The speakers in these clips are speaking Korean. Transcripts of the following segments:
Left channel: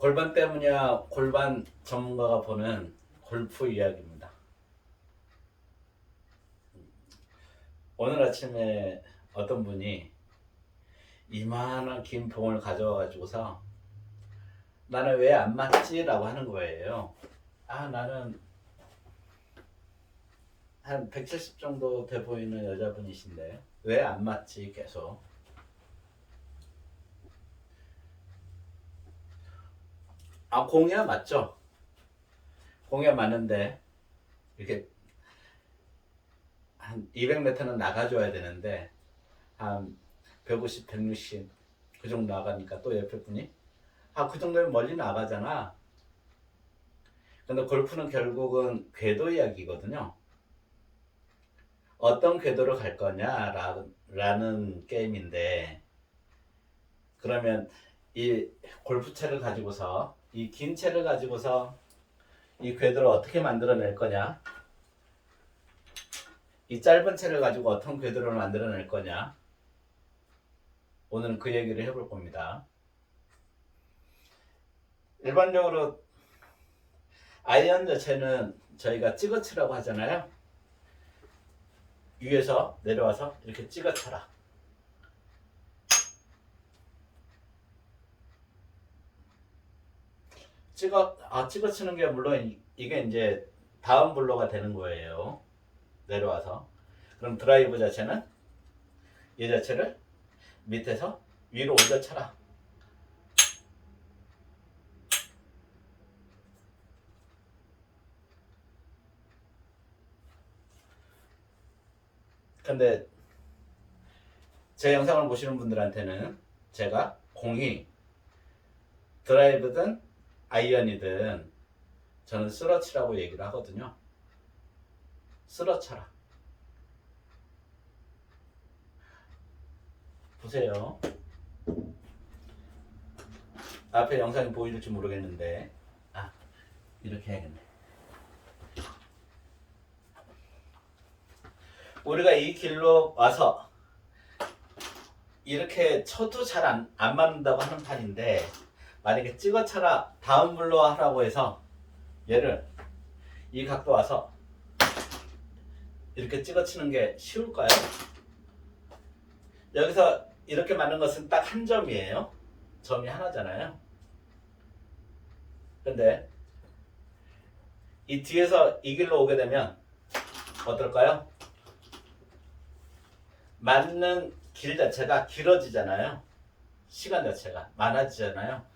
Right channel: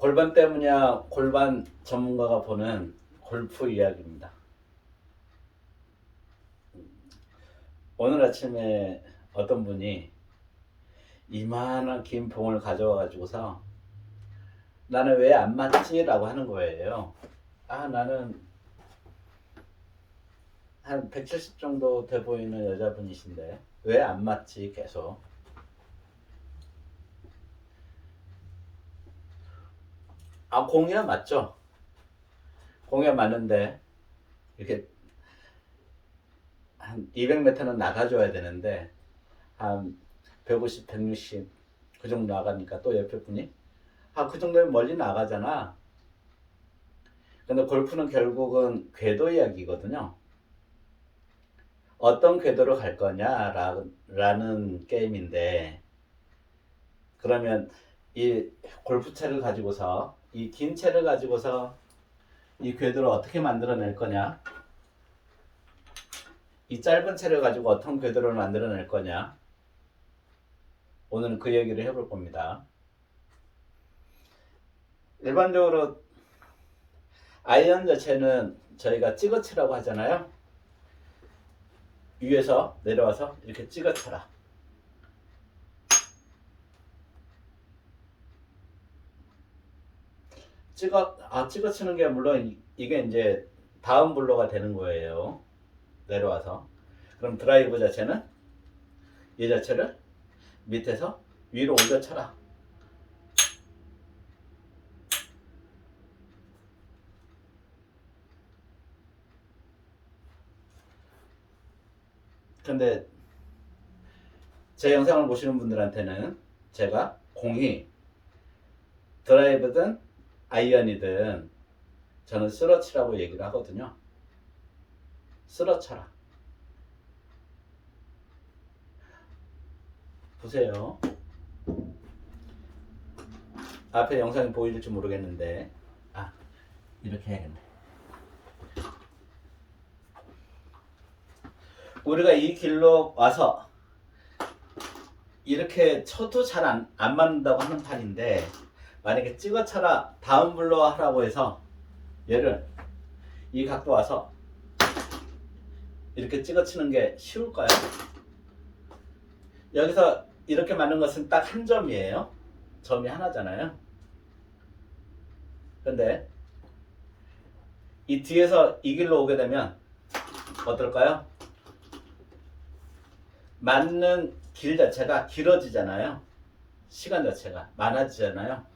골반 때문이야 골반 전문가가 보는 골프 이야기입니다. 오늘 아침에 어떤 분이 이만한 긴 봉을 가져와 가지고서 나는 왜 안 맞지? 라고 하는 거예요. 나는 한 170 정도 돼 보이는 여자분이신데 왜 안 맞지? 계속. 공이야 맞죠? 공이야 맞는데 이렇게 한 200m는 나가줘야 되는데 한 150, 160 그 정도 나가니까 또 옆에 분이 그 정도면 멀리 나가잖아. 근데 골프는 결국은 궤도 이야기거든요. 어떤 궤도로 갈 거냐라는 게임인데, 그러면 이 골프채를 가지고서 이 긴 채를 가지고서 이 궤도를 어떻게 만들어낼 거냐, 이 짧은 채를 가지고 어떤 궤도를 만들어낼 거냐, 오늘은 그 얘기를 해볼 겁니다. 일반적으로 아이언 자체는 저희가 찍어치라고 하잖아요. 위에서 내려와서 이렇게 찍어쳐라. 찍어치는 게 물론 이게 이제 다음 블로가 되는 거예요. 내려와서. 그럼 드라이브 자체는 이 자체를 밑에서 위로 올려쳐라. 근데 제 영상을 보시는 분들한테는 제가 공이 드라이브든 아이언이든 저는 쓰러치라고 얘기를 하거든요. 쓰러쳐라. 보세요. 앞에 영상이 보일지 모르겠는데 이렇게 해야겠네. 우리가 이 길로 와서 이렇게 쳐도 잘 안 맞는다고 하는 판인데, 만약에 찍어쳐라 다운 블로 하라고 해서 얘를 이 각도 와서 이렇게 찍어치는 게 쉬울까요? 여기서 이렇게 맞는 것은 딱 한 점이에요. 점이 하나잖아요. 근데 이 뒤에서 이 길로 오게 되면 어떨까요? 맞는 길 자체가 길어지잖아요. 시간 자체가 많아지잖아요.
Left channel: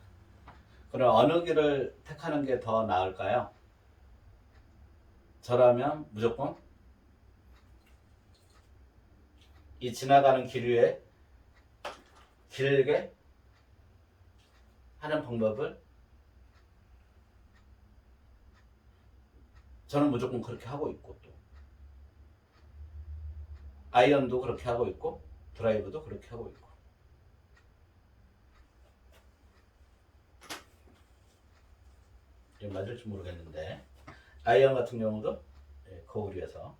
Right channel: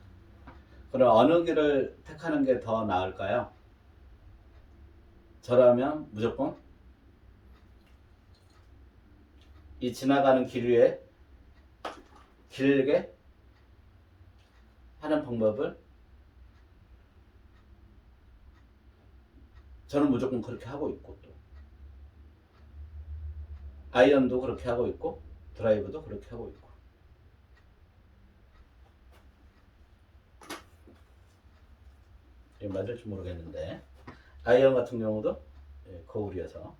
그럼 어느 길을 택하는 게 더 나을까요? 저라면 무조건 이 지나가는 길 위에 길게 하는 방법을 저는 무조건 그렇게 하고 있고, 또 아이언도 그렇게 하고 있고 드라이브도 그렇게 하고 있고. 이게 맞을지 모르겠는데 아이언 같은 경우도 거울이어서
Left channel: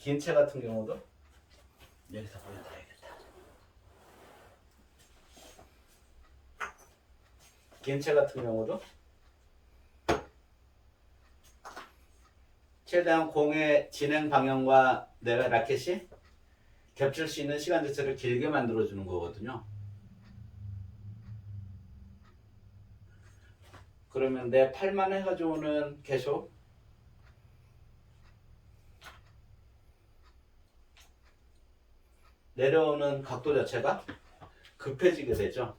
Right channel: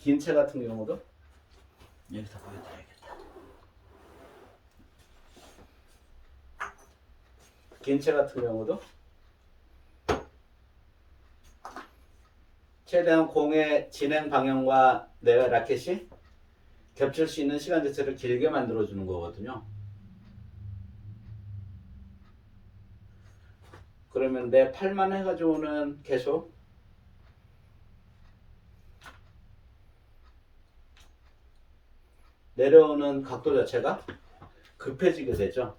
긴 채 같은 경우도 여기서 보여드려야겠다. 긴 채 같은 경우도 최대한 공의 진행 방향과 내 라켓이 겹칠 수 있는 시간 자체를 길게 만들어주는 거거든요. 그러면 내 팔만 해가지고는 계속 내려오는 각도 자체가 급해지게 되죠.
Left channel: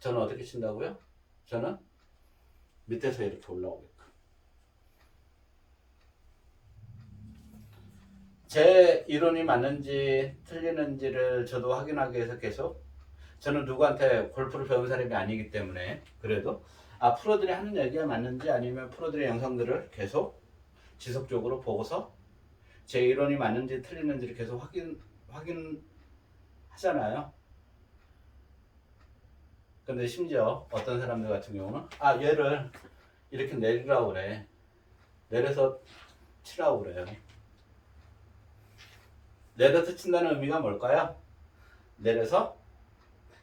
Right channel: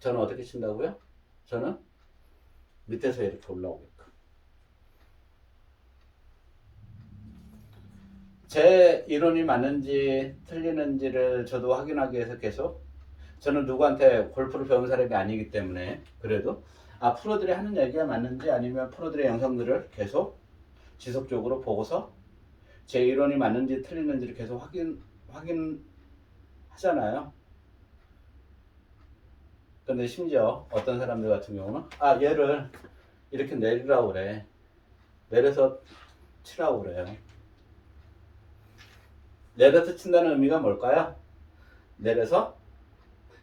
저는 어떻게 친다고요? 저는 밑에서 이렇게 올라오게끔. 제 이론이 맞는지 틀리는지를 저도 확인하기 위해서 계속, 저는 누구한테 골프를 배운 사람이 아니기 때문에, 그래도 프로들이 하는 얘기가 맞는지 아니면 프로들의 영상들을 계속 지속적으로 보고서 제 이론이 맞는지 틀리는지를 계속 확인하잖아요. 근데 심지어 어떤 사람들 같은 경우는 얘를 이렇게 내리라고 그래. 내려서 치라고 그래요. 내려서 친다는 의미가 뭘까요? 내려서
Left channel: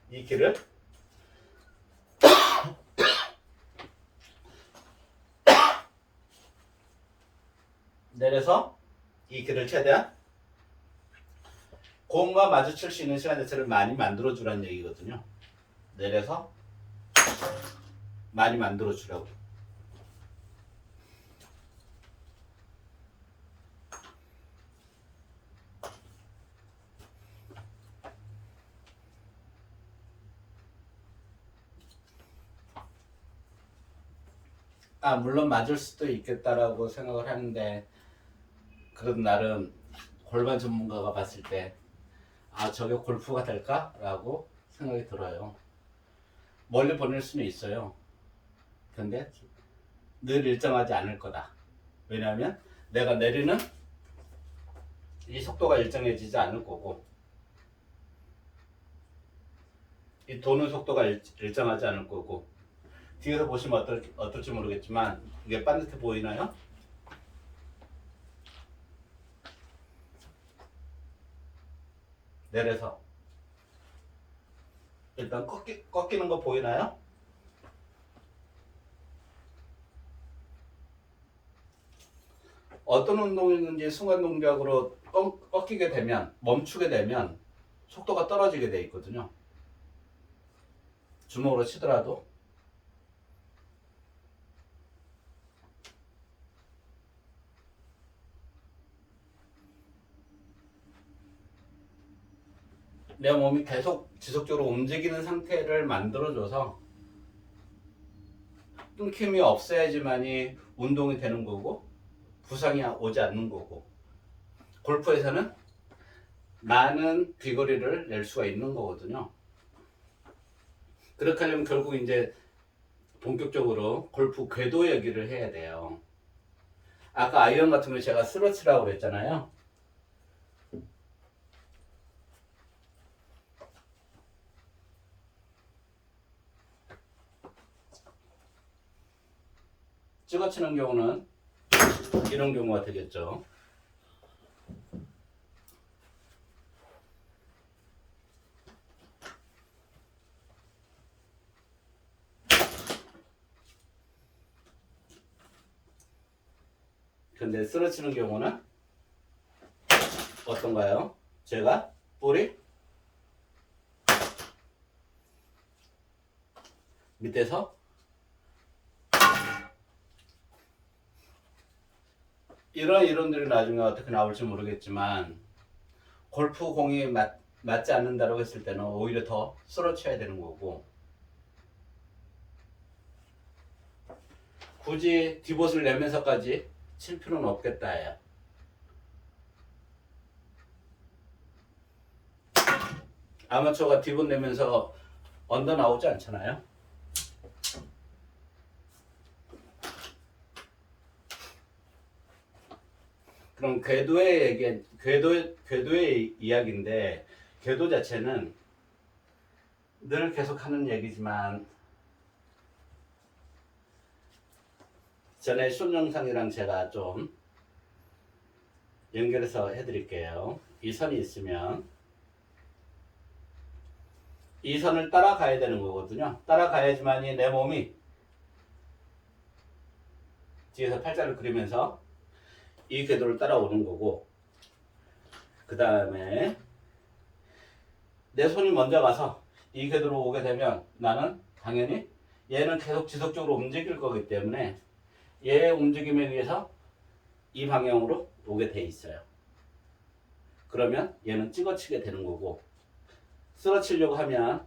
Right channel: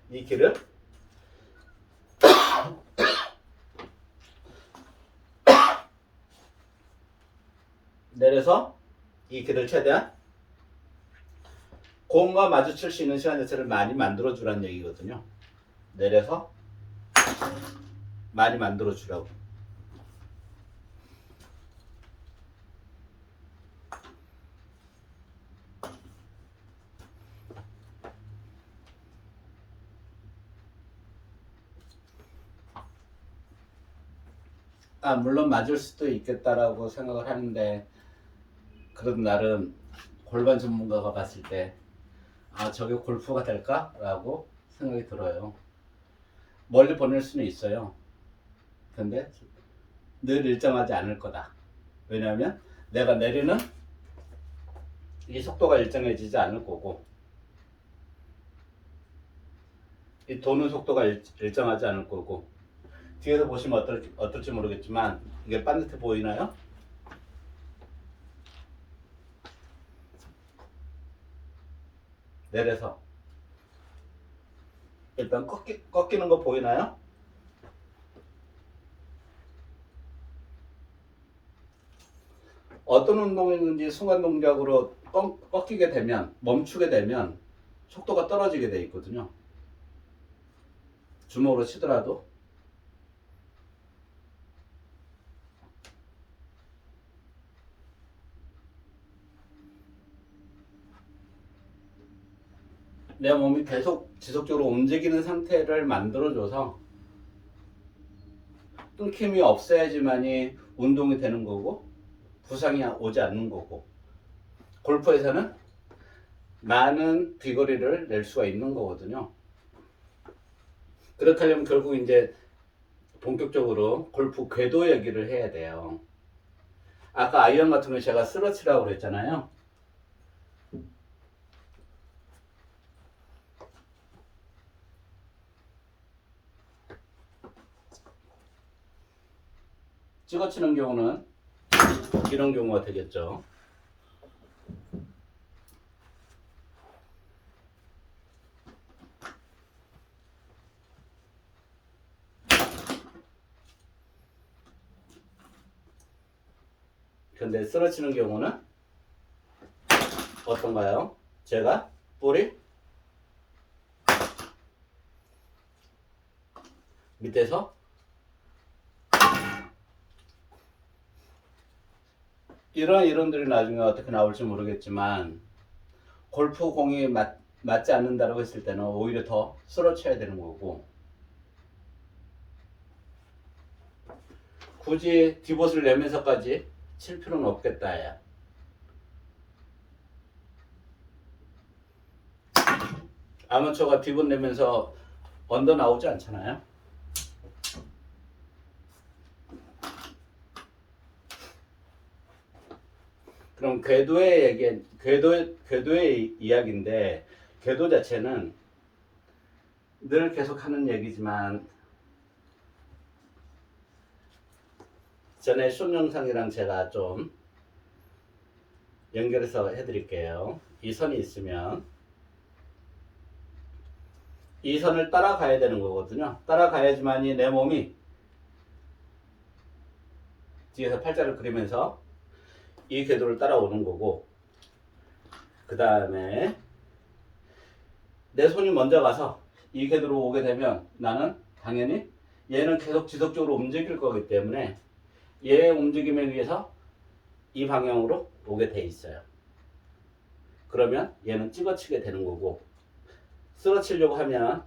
이 길을 내려서 이 길을 최대한 공과 마주칠 수 있는 시간 자체를 많이 만들어 주라는 얘기거든요. 내려서 많이 만들어 주라고. 물론 맞을 수도 있겠다라고 생각을 하는데, 그래도 나름 골반 전문가가 봤을 때 저게 골프가 될까라고 생각이 들어요. 멀리 보낼 수는 있어요. 근데 늘 일정하지 않을 거다. 왜냐하면 내가 내리는 이 속도가 일정해지지 않을 거고, 이 도는 속도가 일정하지 않을 거고. 뒤에서 보시면 어떨지 모르겠지만 이게 반듯해 보이나요? 내려서 일단 꺾이는 거 보이나요? 어떤 운동이든지 순간 동작으로 꺾이게 되면, 멈추게 되면 속도가 떨어지게 돼 있거든요. 주먹으로 치더라도. 내 몸이 계속 지속적으로 움직이는 상태를 만들어줘서 끊김이 없어야지만이 운동이 되는 거고 부상이 오지 않는 거고, 골프에서는 많은 비거리를 낼 수가 있는 거거든요. 그렇게 하려면 결국 이제 본격적으로 골프 궤도 얘기를 해야 돼요. 아까 아이언 같은 거 제가 스러치라고 그랬잖아요. 찍어치는 경우는 이런 경우가 되겠죠. 근데 쓰러치는 경우는 어떤가요? 제가 볼이 밑에서 이런 이론들이 나중에 어떻게 나올지 모르겠지만, 골프 공이 맞지 않는다고 했을 때는 오히려 더 쓰러쳐야 되는 거고, 굳이 디봇을 내면서까지 칠 필요는 없겠다 야. 아마추어가 디봇 내면서 언더 나오지 않잖아요. 그럼 궤도의 이야기인데, 궤도 자체는 늘 계속하는 얘기지만, 전에 숏 영상이랑 제가 좀 연결해서 해드릴게요. 이 선이 있으면 이 선을 따라가야 되는 거거든요. 따라가야지만이 내 몸이 뒤에서 팔자를 그리면서 이 궤도를 따라오는 거고, 그 다음에 내 손이 먼저 가서 이 궤도로 오게 되면 나는 당연히 얘는 계속 지속적으로 움직일 거기 때문에 얘의 움직임에 의해서 이 방향으로 오게 돼 있어요. 그러면 얘는 찍어치게 되는 거고, 쓰러치려고 하면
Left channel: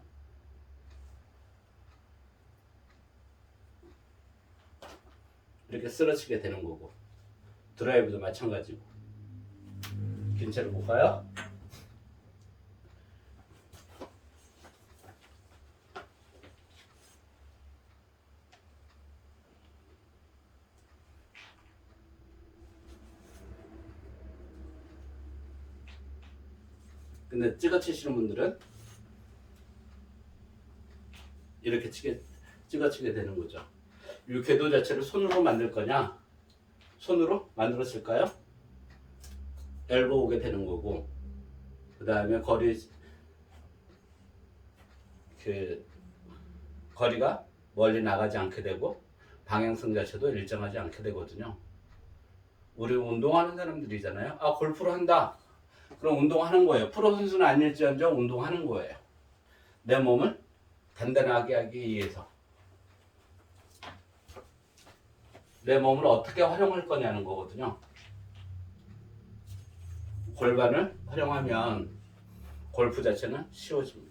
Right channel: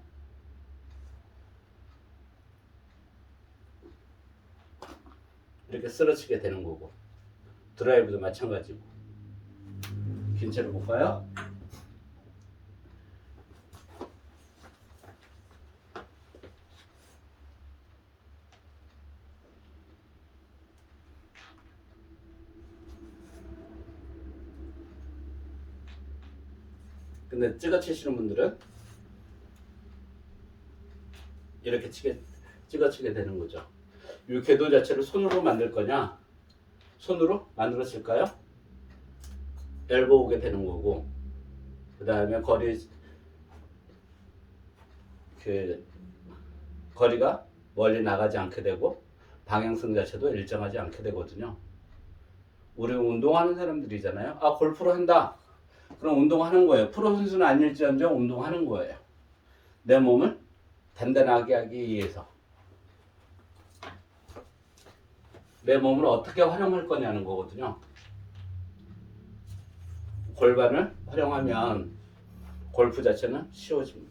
이렇게 쓰러치게 되는 거고, 드라이브도 마찬가지고. 긴 채로 볼까요? 근데 찍어 치시는 분들은 이렇게 찍어 치게 되는 거죠. 이 궤도 자체를 손으로 만들 거냐? 손으로 만들었을까요? 엘보 오게 되는 거고, 그 다음에 거리가 멀리 나가지 않게 되고 방향성 자체도 일정하지 않게 되거든요. 우리 운동하는 사람들이잖아요. 아, 골프를 한다. 그럼 운동하는 거예요. 프로 선수는 아닐지언정 운동하는 거예요. 내 몸을 단단하게 하기 위해서. 내 몸을 어떻게 활용할 거냐는 거거든요. 골반을 활용하면 골프 자체는 쉬워집니다.